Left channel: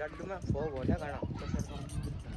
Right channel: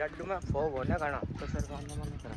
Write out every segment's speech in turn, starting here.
लड्डू में वो बोलना करना तो सर को मन करा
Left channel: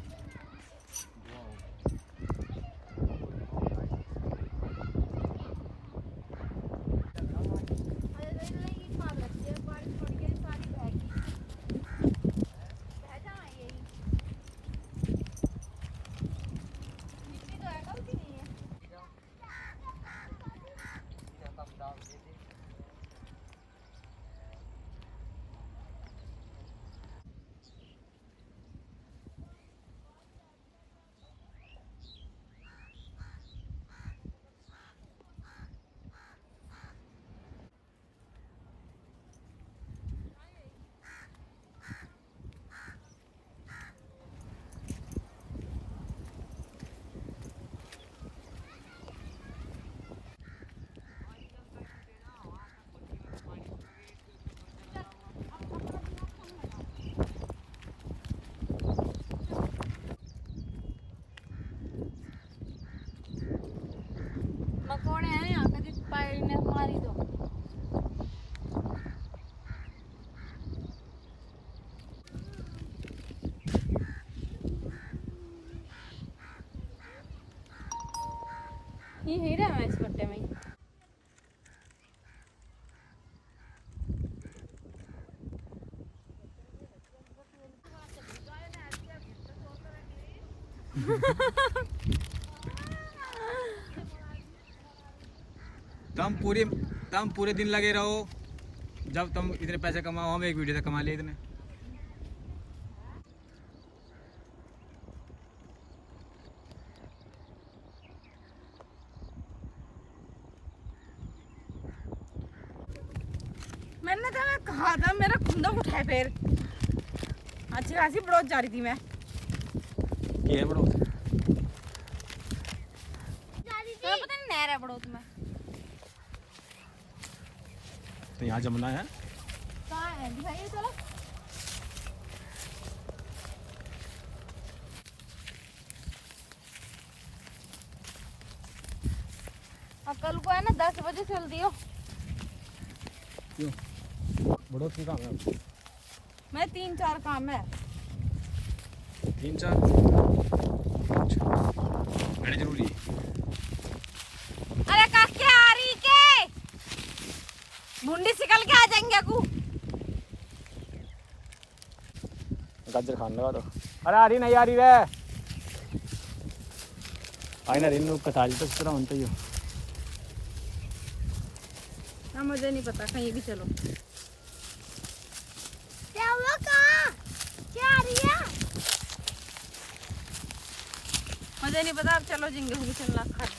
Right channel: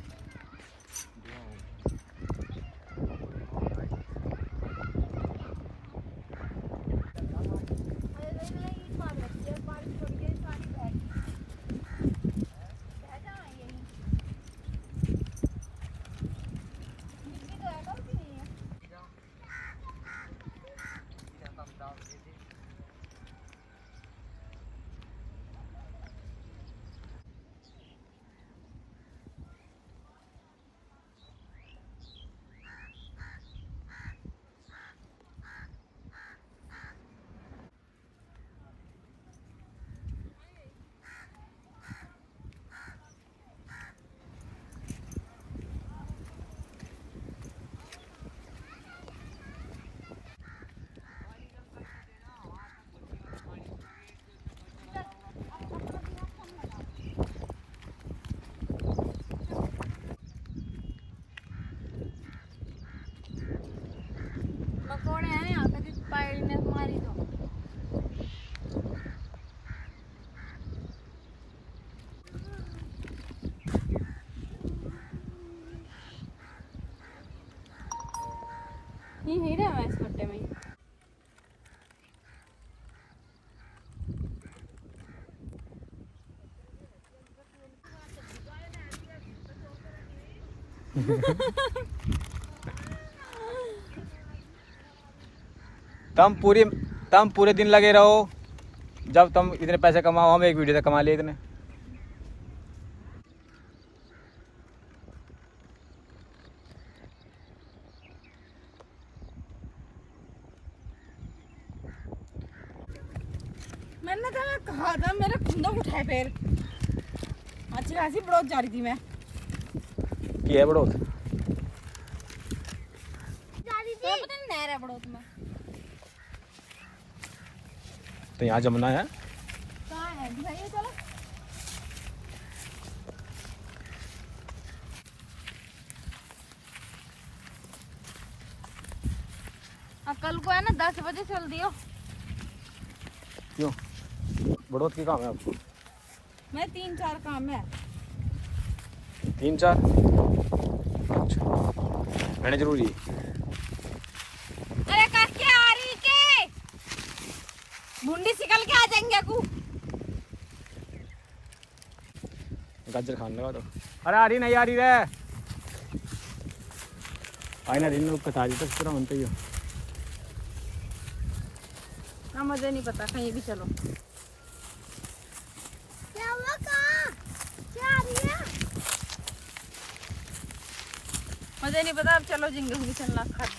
ये ही रहा मैं इस पट्टे में तुम पूरे दिन लगे रहो। जब तुम इतने पैसे कमाओ हम एक वीडियो से कमा लिए इतने। मैंने तो कहा था मेरा खुंदा उठाए फिर अच्छी खासी बड़ौत जा रही थी मैं की है बड़ौत तो पता नहीं नहर है बड़ौत में तो यहाँ जमुना है। कहाँ है दिखाइए चलो अब कल को है ना 10 बजे चल दियो। क्यों बड़ौत की काम है आपको? मैं 3-4 काम है 3-4 अच्छा मैंने जरूरी है। अरे काके आ रही के मुंडी सिकल के आ जाएंगे कु गाजर खान लगा दो। अरे आ रही नहीं आ रही रे आई ना इन लोग कतारी तक तरह बनता ही हो। ना मुझे नहीं पता कहीं भी चलो क्या हुआ कहाँ क्या आ रही है मुझे नहीं पता अब चलो जिंगे हुई चलना खड़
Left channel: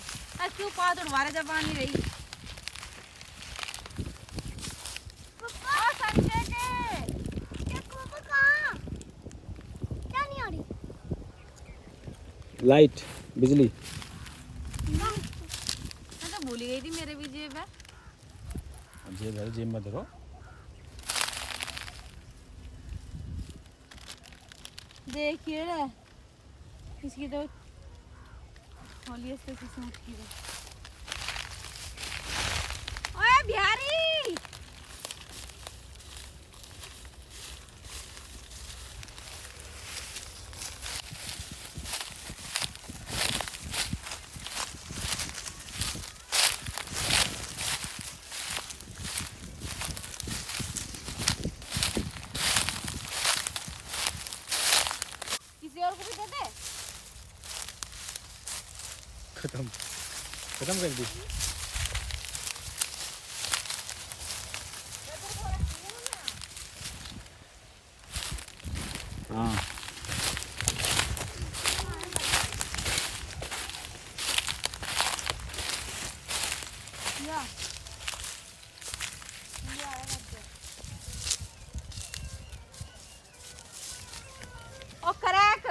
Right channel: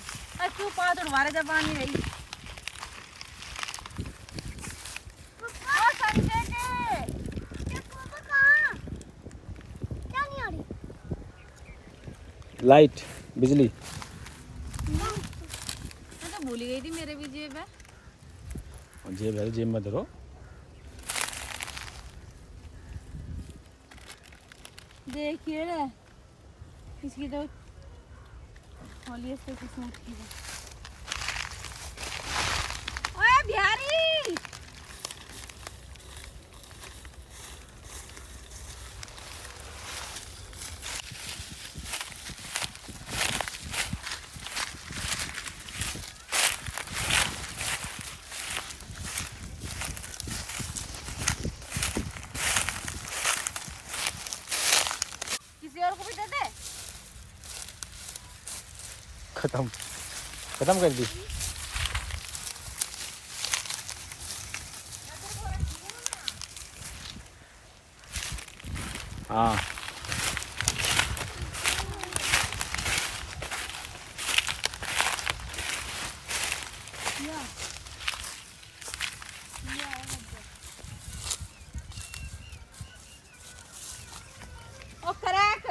क्यों पात उड़वा रहे जब आ नहीं रही संजय के कहाँ क्या नहीं आ रही लाइट बिजली मैं तो भूल ही गई थी मेरे भी जेब है जेब है जेब में धरो। देखिए ना इसकी तो खोलिए इसको किस्मत की है। ओए बिहारी किसी और को भी दे दे खत्म कर दी। हाँ ओ क्रैक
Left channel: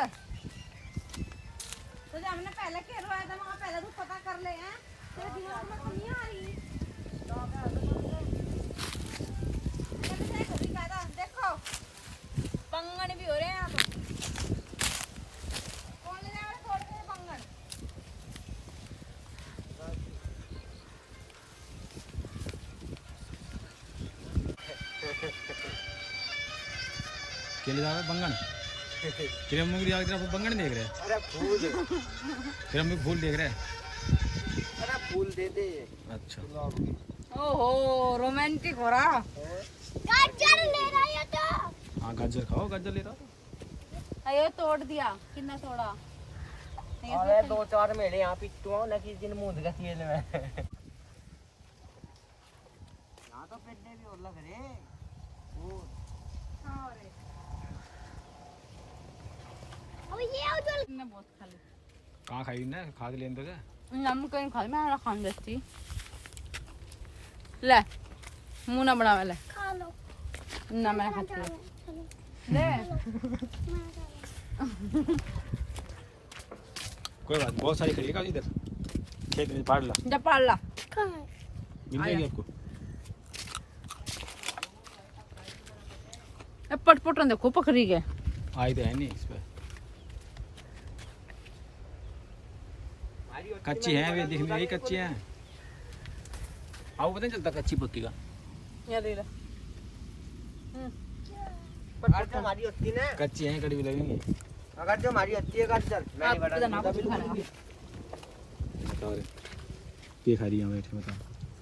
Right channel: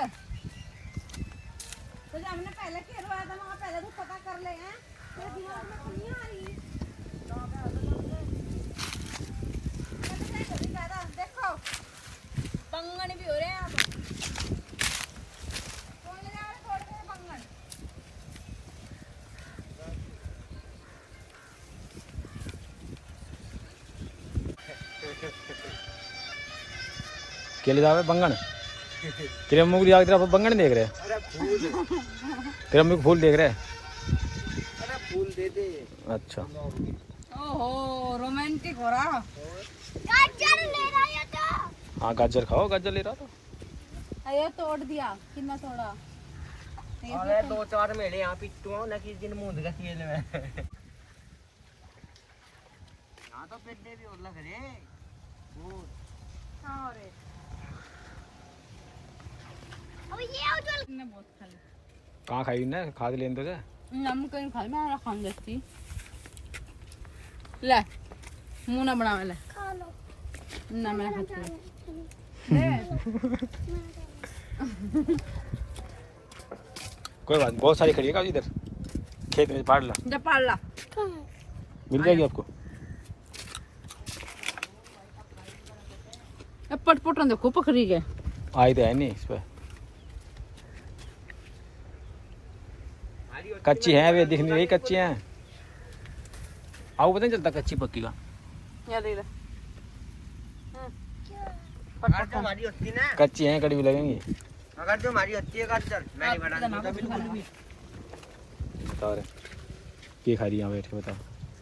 तो जो हमने पहले खेलवाया था वहाँ पहले तो पता कर ले हैं तेरे दिमाग में तो नहीं आ रही देखो पंगन भी हो रहे हैं यहाँ तो कौन ले जाएगा छोड़ के पंगन केले जावे बंगन तेरे मुंह दिया तेरा बंगन देख रहे अरे फूल तेरा मुंह फूल देख रहे अरे फूल दे दे अच्छा ओहो रोमांटिक हो रहा। हाँ गाजर खाओ गाजर ले रहा था ये तोड़ दिया कितना तोड़ा अरे 2-4 मेरे यहाँ पिट्टू ना किस दिन मुंह दिखा खेल में यहाँ तो पेड़े भी और लग रहे वो हाँ रे बहुत खाली कहाँ खाई ना खा के लेने तो जा नमक कहीं खाली मैं खान देती ले मुंह ना बना ले खा लो ना मैं खाती हूँ ले कोई बात बहुत सारी खड़ी है का इधर खेत में पाड़ ला जब पाल ला मिल जाएगी आपको पटपट देखो पकड़ी गए आई तो है नहीं इस पे कच्ची है वे दिख नहीं रही कच्ची हैं आपको पता नहीं चलता कच्ची पक्की का ये दे ले अगर जो हमारी होती ना कच्ची हैं कड़ी भी लगेंगी अगर जो हमारी होती है कर चल मैं नहीं आप बता इधर ना कुछ खाना बता रहे ये खा रही यहाँ बैठ के बताओ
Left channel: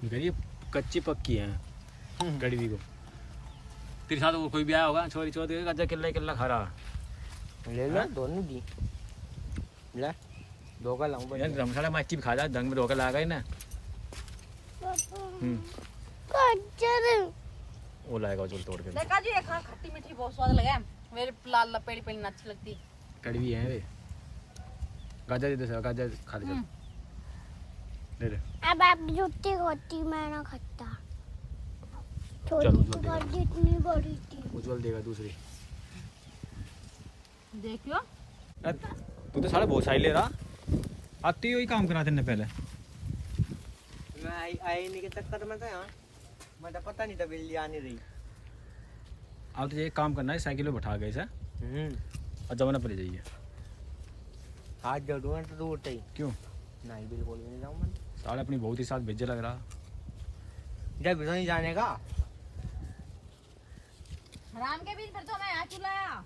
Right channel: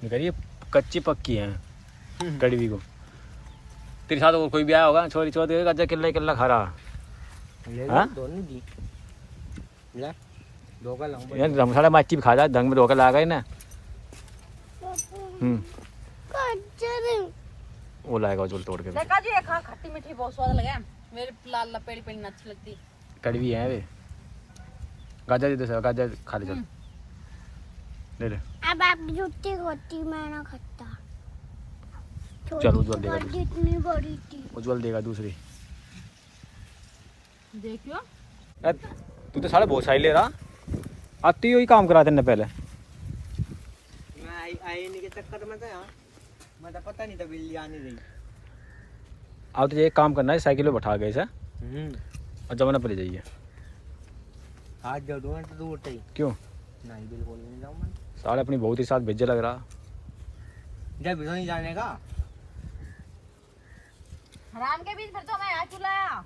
ये कह रही है कच्ची पक्की हैं कड़वी को तेरे साथ और कोई भी आया होगा छोरी छोरी गाजर किल्ला किल्ला खा रहा ले हाँ? दोनों दी ले दो का लाऊं यार धर्मशाला माची भी खा जा दंग में रोका लगा ना वो लाएगा जो तोड़ के देखा जी खा खट्टी मीठी बहुत स्वाद लगा मेरे लाल लपेड़ी पेड़ी अच्छी लगती कड़वी है वे गाजर दे दे गाजर खा ले चल ले ले अब आप जुट्टी होती मैं ना खाता चल उज्जवल देगा जितनी बड़ी थी उज्जवल देगा दूसरी देखियो तू तो सारे बहुत सारी ले रहा आती ही काम कराते ने पहले मैं आई नहीं के चक्कर में था यहाँ मैं तो पता नहीं था बिल्ली आने रही अब तो ये काम करना है साइकिल पे बैठा गए से और जमाना पर ले जाइए आज जरूर तो दूर ही क्यों नहीं बिल्कुल भी नहीं जाऊँ मैं साले अपनी बहुत ही साथ भेजे लग रहा जब भी नहीं जाने का राम के बीच फिर तो मैं यहाँ चुलाया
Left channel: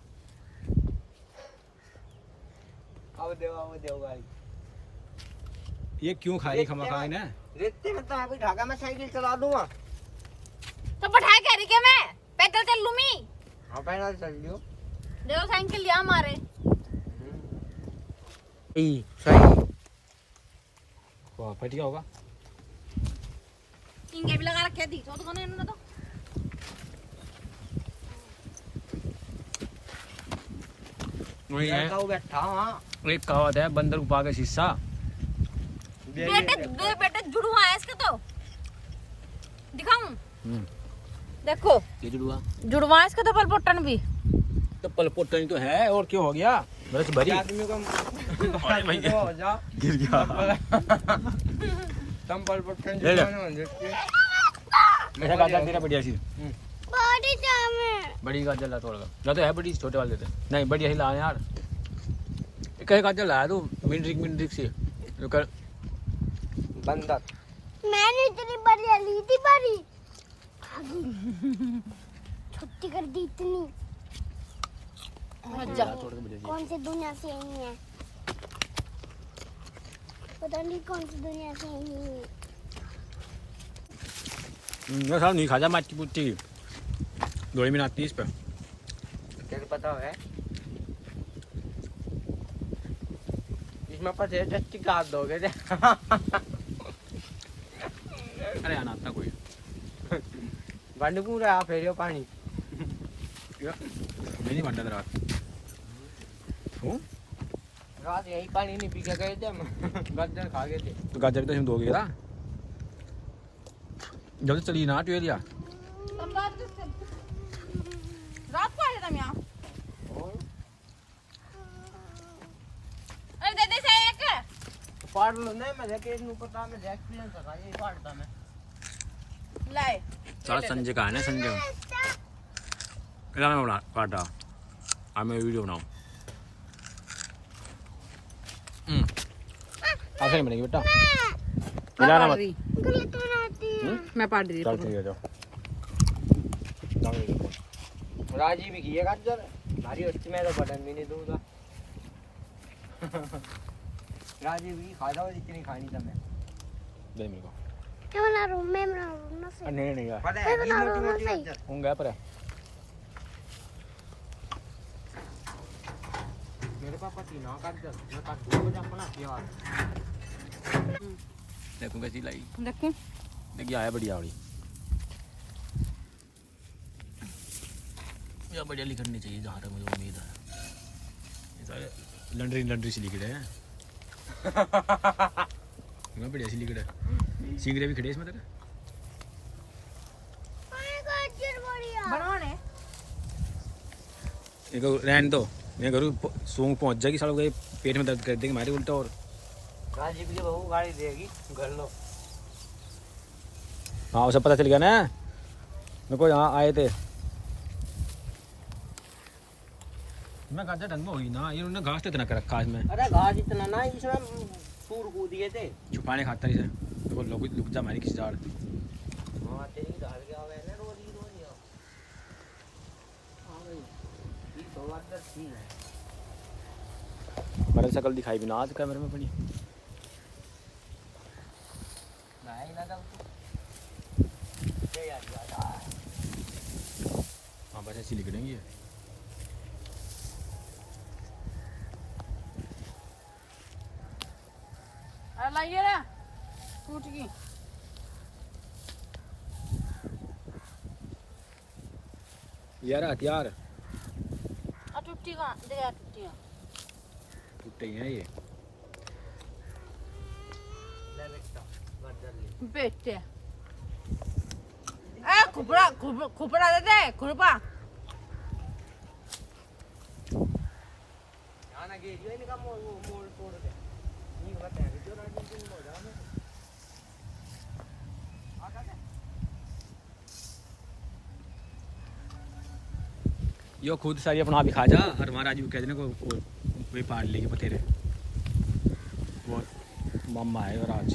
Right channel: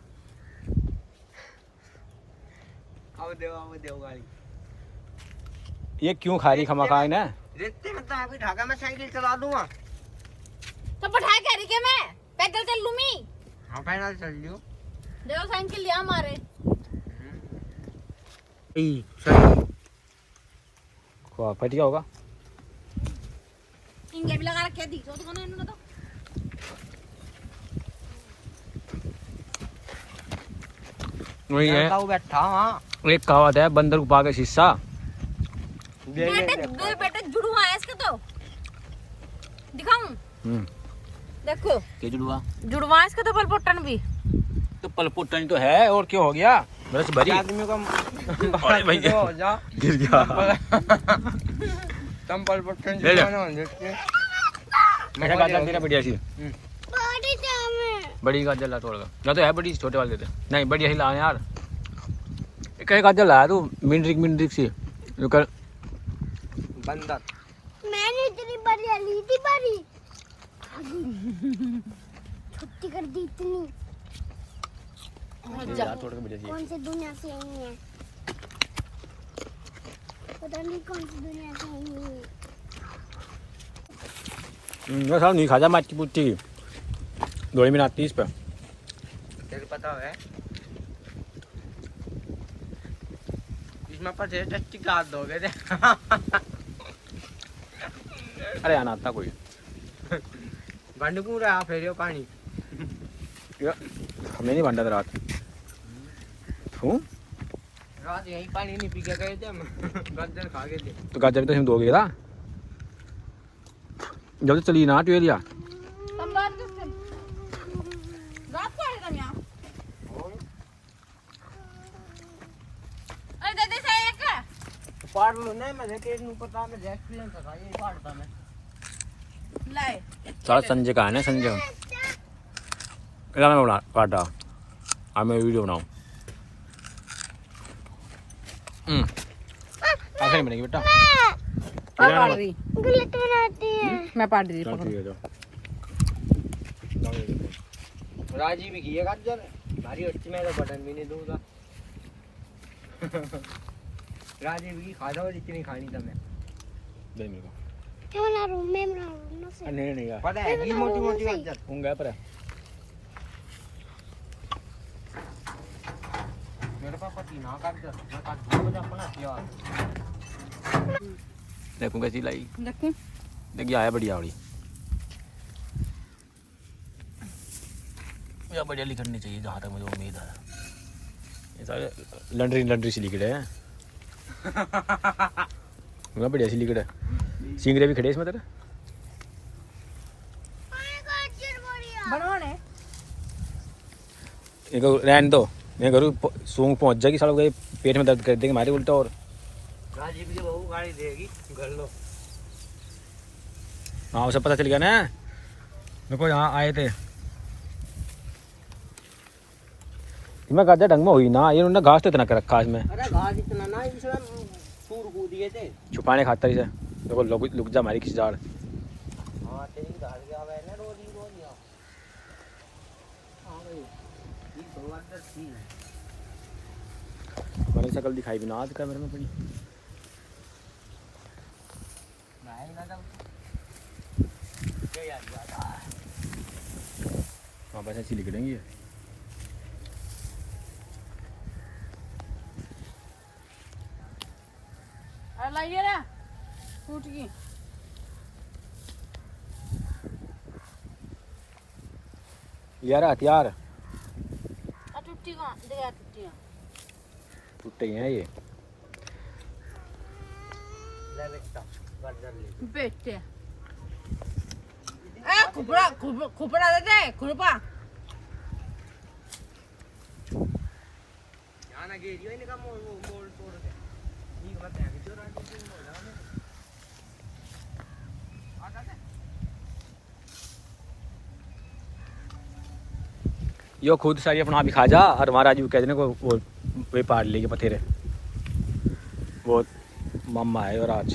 अब देव गाड़ी ये क्यों खा रही खमा खाई ना देखते हैं तो अभी ढाका मैं साइकिल चला दूंगा तो बैठा के रही के मैं पैदल चल लूँ मैं हाँ पैदल चल लियो देखो साइकिल लिया हमारे सही फट गया होगा इंगे भी लगा रखे थी तो खाने इन्होंने तो वही है वो बैठा हाँ एक कहावत है बंदर को पाके शीशा बेटे दो बेटे जुड़वा है इसके तो दिखाऊं देखो के जुड़वा जुड़वा है इसके तो पलपोटन भी तो पलपोटन तो है और क्यों हो गया बरस भरी आदमी को अरे भैया हो जा गिर गया तम पल पटन ले ले। जो ना देखते मैं गाजर तेरा बढ़िया सी बड़ी जामे बड़ी गाजर ला तोड़ या तो है बड़ी छोटे वाले देते नहीं बढ़िया ही ला यार कई गाजर लाया तू मिनट्रिक सी जो कर बंदर मैंने इतनी बड़ी ली थी बड़ी छुट्टी कर दी इतनी अच्छा तोड़ के बढ़िया सी कौन सी दुनिया से आई है पता नहीं कौन सी दुनिया से आई है ये साहब नहीं खाजा माची पुट्टी दो मिनट 30 पे तेरे पता है इसमें पचे टट्टी काट दोगे दे अरे आना आता कोई गंड पूरा फेरियो पानी हमें नहीं भंडा रात हूँ रात यही पानी नहीं पी के गए थे गद्दर खा गए थे तो गाजर भी तो हम दोगे ना जब से चली ना ट्वेलिया रात को आए तुम यहाँ अरे दे दे से एक पाड़ लो नहीं मैं देखे नु पता मैं एक्सीडेंट था ये पाड़ता मैं लाए सारा संजय का है ना संजय मैं बना काटा अब मैं वीडियो बनाऊँ ऐसे नहीं बनेगी बेटा मिलाना मत गलत रहती है मैं पाड़ दी चल ठीक है जाओ राजी भी की है गाजर हमारी बच्ची में तो बटन भी नहीं दूंगा राजी भी खा जाओ जितनी खानी था मैं दे मेरे को क्या बना रहा हूँ मैं बना रहा हूँ ना से नहीं नहीं यार पता है ये मोटी मोटी गाजर होंगे पर मेरे पास पति ना गाजर मैं काट 2 बजे अपना यार देखूं कैसी लाई देखूं देखिए आया बढ़िया वाली या बढ़िया लिखनी चाहिए जहाँ तक मुझे उम्मीद है ये सारे लंडरी सी लिखड़े हैं बढ़िया सी लिखड़ है सिंगरे भी खड़े इसमें तेरे बनाने इनको रहने दो मैं घर सूंग पहुंच जाएगी सालों के पेट में दर्द कर देंगे हमारे उल्टा और राजी भी बहू गाड़ी देगी घर लो हाँ उसे पता चल गया ना मेरे को यहाँ आए थे मैं गाजर ढंग में हुई ना ये उन्होंने घास तो इतना कर रखा इसमें अरे घास इतना ना इसमें सूर कूद दिए थे छुपाने खातर इसे देखो लुक जा हमारी किसी झाड़ हाँ तेरी घर गया हुआ है ना रोज आओ हाँ भाई ये तो अंदर ठीक है मेरे शकल दिखाई भी ना आज कैमरे में पड़ी हाँ बस ऐसी लिखेंगे लाइए रे टूट गई यार हथियार टूटी कहाँ जगह टूटी टूटे हैं ये बेटे ए खुपड़ा खुपड़ा दे दे खुरपा आना गेट ये निका मोड़ तोड़ दे ये बात है जो राजी हो जाओ आ जाते यो खुद सारी अपना भी खा जा और हमारा राजू कह देने को वो वे पार लेके पथेरे वो मम्मा है और आज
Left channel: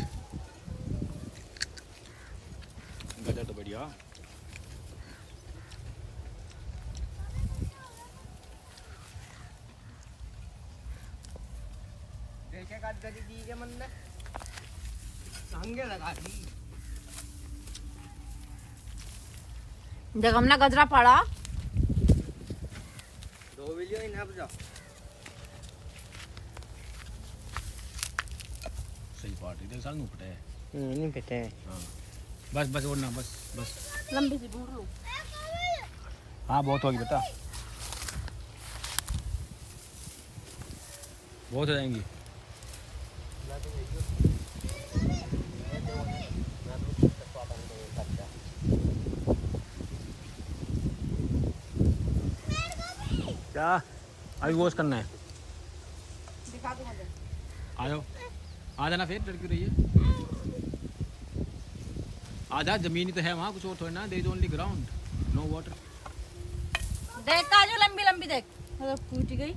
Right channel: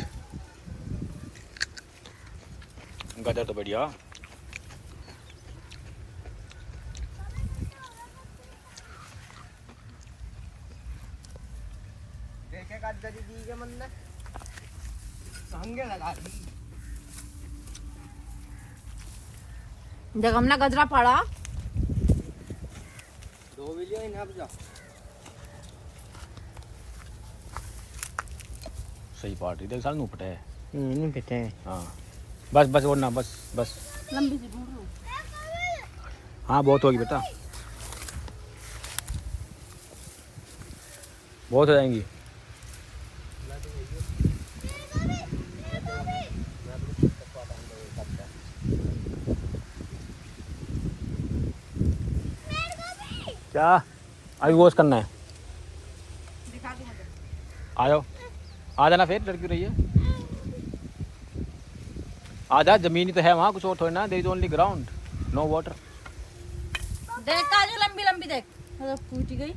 गदर तो बढ़िया देखे गाजर दी के मन में संगे लगा दी जब हमने गजरा पड़ा 2 वीडियो इन अब जा सही पार्टी देख साल नूपटे है नहीं पता है हाँ बस बस और ना बस बस लंबी सी ढूंढ लो हाँ बहुत होगी बेटा बहुत हो जाएंगी क्या अभी वॉश करना है दिखा दो मुझे आ जाओ आ जाना फिर लड़की रही है आ जा जमीन ही तो है वहाँ कुछ और थोड़ी ना there is only ground no water देख काजू लंबी लंबी देख तो टूट गई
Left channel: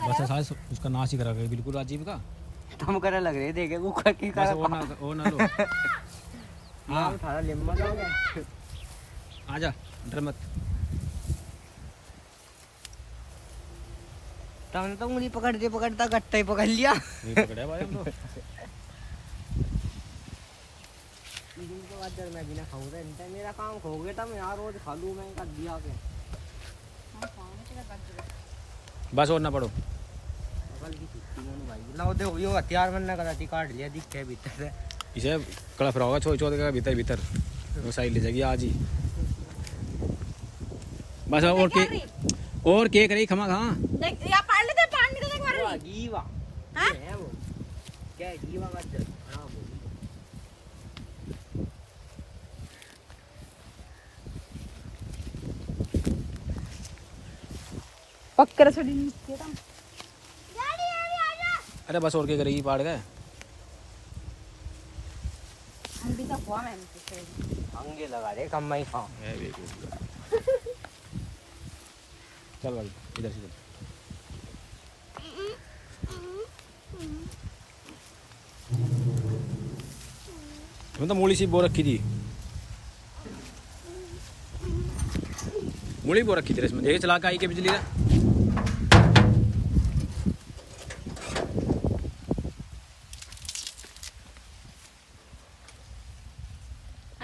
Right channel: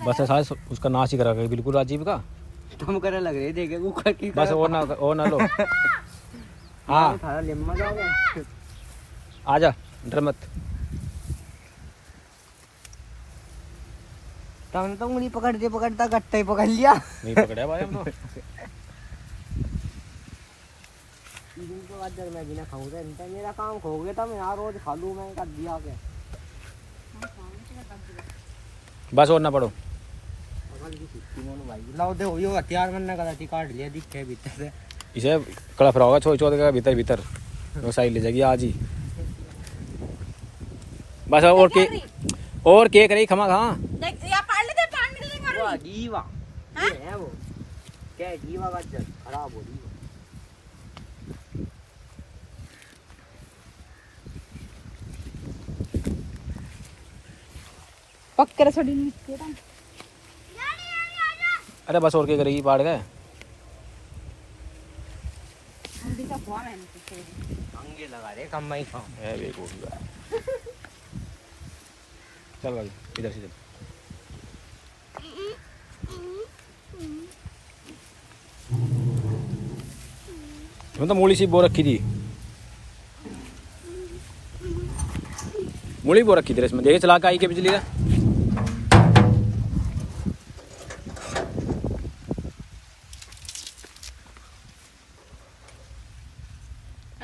बस ऐसा उसका नाश ही करा गया बिल्कुल राजीव का तुम करे लग रहे देखे कुकर की बस और ना लो हाँ थारा लिम्मा जाओगे आ जा डर मत तुमने तो उंगली पकड़ता गट्टा ही पकड़ लिया नहीं पकड़ा भाई हम लोग इनको गाजर मैं बिना खाऊं तो मेरा काम खो गया था मैं यार रोज खा लूं मैं कर दिया के बस और ना पड़ो अकल की छुट्टी मोनो भाई लाओ दे हो हथियार मन करा थी काट लिया दिखे भीतर से इसे कड़ा फराओगा छोड़ छोड़ का भीतर भीतर वो साइड ले जाएगी आज ही बस और केक रही खमा कहाँ देख या पार ले दे पानी दे मार रही जीवा हां है वो क्या है जीवा गाजर खराब हो रही पक्कर छड़ी नीचे था अरे बस और क्या करेगी पाड़ गए हम भी तो हुआ मैंने तो अंगे लगा रहे कम में खाओ है बेवकूफ यार चल भाई इधर से चल मैं तो मूली सी बो रखी थी मूली बो रखी तेरे इसमें देखे चला के आई के बिजली रे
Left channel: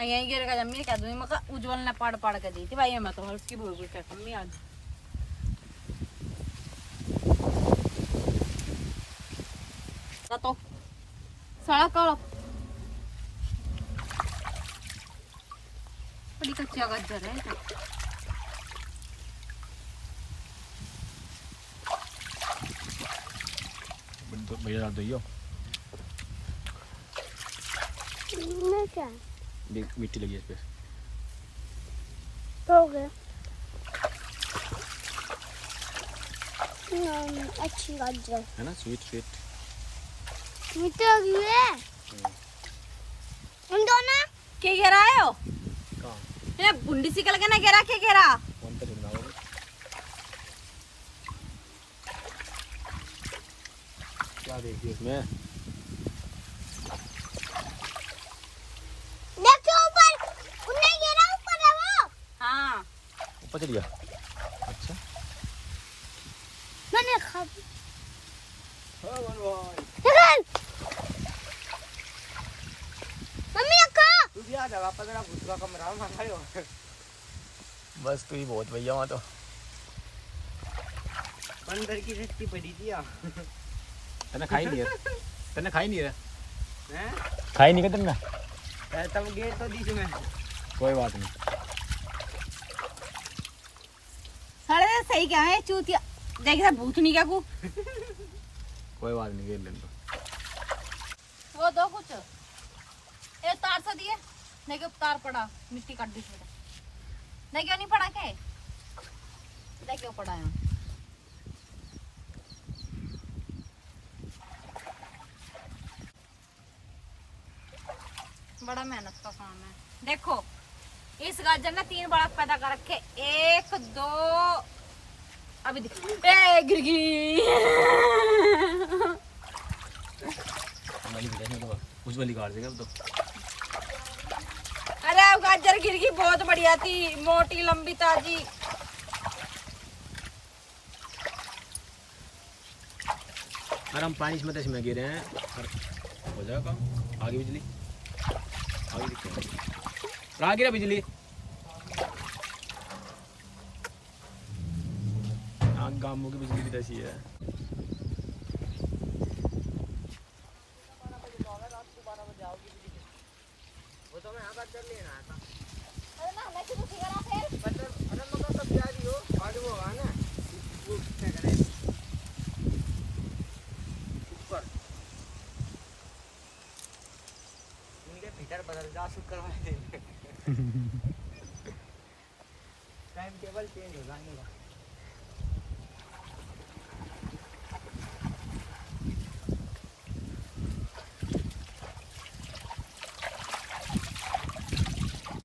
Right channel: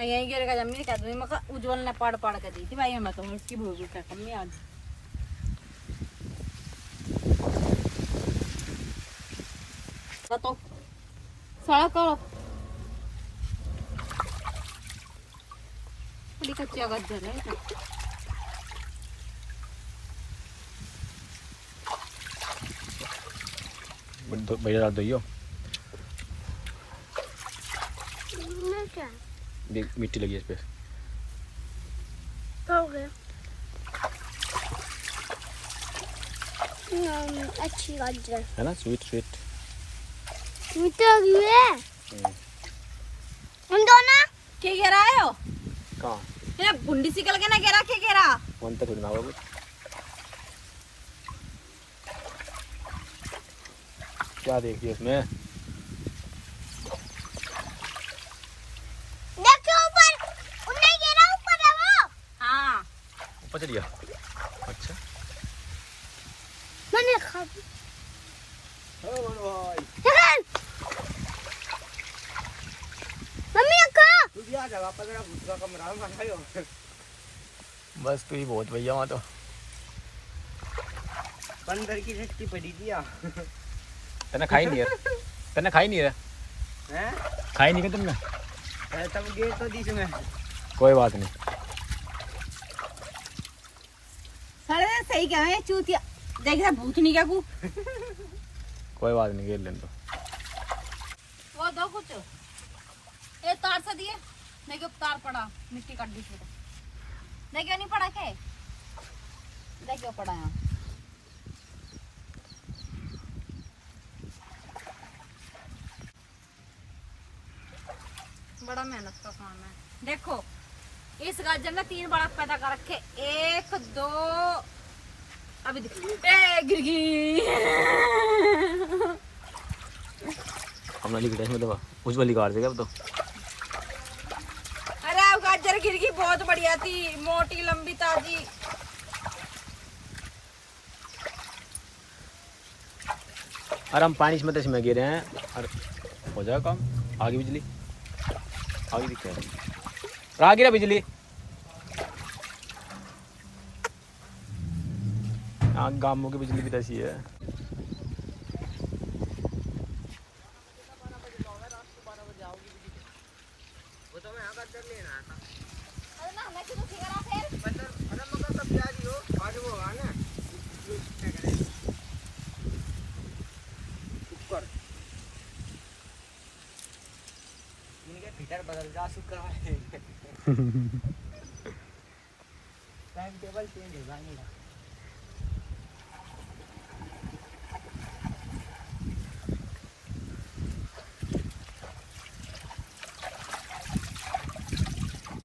यही गिरेगा जमीन क्या दूँ मका उज्जवल ने पाड़ पाड़ के दी थी भाई मैं तो उसकी भूल क्या कमी आज तो सड़क करो बड़ी कच्चा गज्जर है भैया डाल दो मैं क्या देख मिट्टी लगी है इस पे हो गया अच्छी गाजर है ना स्वीट स्वीट मीठा भी है उन दोनों क्या गिरा है हो कहाँ ये बुंडी सिकल के ना गिरा क्या गिरा कौन तक ना होगी क्या देखिए इसमें देखो ऊपर उन्हें गिरा ऊपर है वो हाँ ऊपर चढ़ गया अच्छा मैंने खा हाँ भाई मम्मी का तू क्या जगह पर तेरा भूत का कमरा मंगायो बस तो ही बहुत भैया वहाँ तो बंदर की सच्ची पड़ी थी यार तने खाई नहीं है तने खाई नहीं है हैं खाई नहीं क्या तुमने तब गेट तो दिस में कोई बात नहीं सारे सही क्या है चूतिया देखा भूत नहीं क्या को कोई बात नहीं घेर लेने दो वो दो कुछ ये तार सा दिए देखो तार पड़ा मिट्टी काट दी छोटा देखो नहीं पड़ा के देखो पड़ा यहाँ बड़ा मेहनत का काम है देखो इस गाजर ने 3 बालक पैदा कर रखे 1 2 अभी दिख ए गिर गई हमने लिखा है दबा उस वाली कार से क्या तो अरे गाजर गिर गई बहुत बढ़िया थी मोटी लंबी ताजी अरे हम पानी इसमें गिरे हैं और हो जाएगा काम आगे बिजली आगे दिख रहा है आ गिरा बिजली गांवों की बिजली भी तो ऐसी है भीतर बदल जा शुक्र है टाइम टेबल चेंज हो जाने का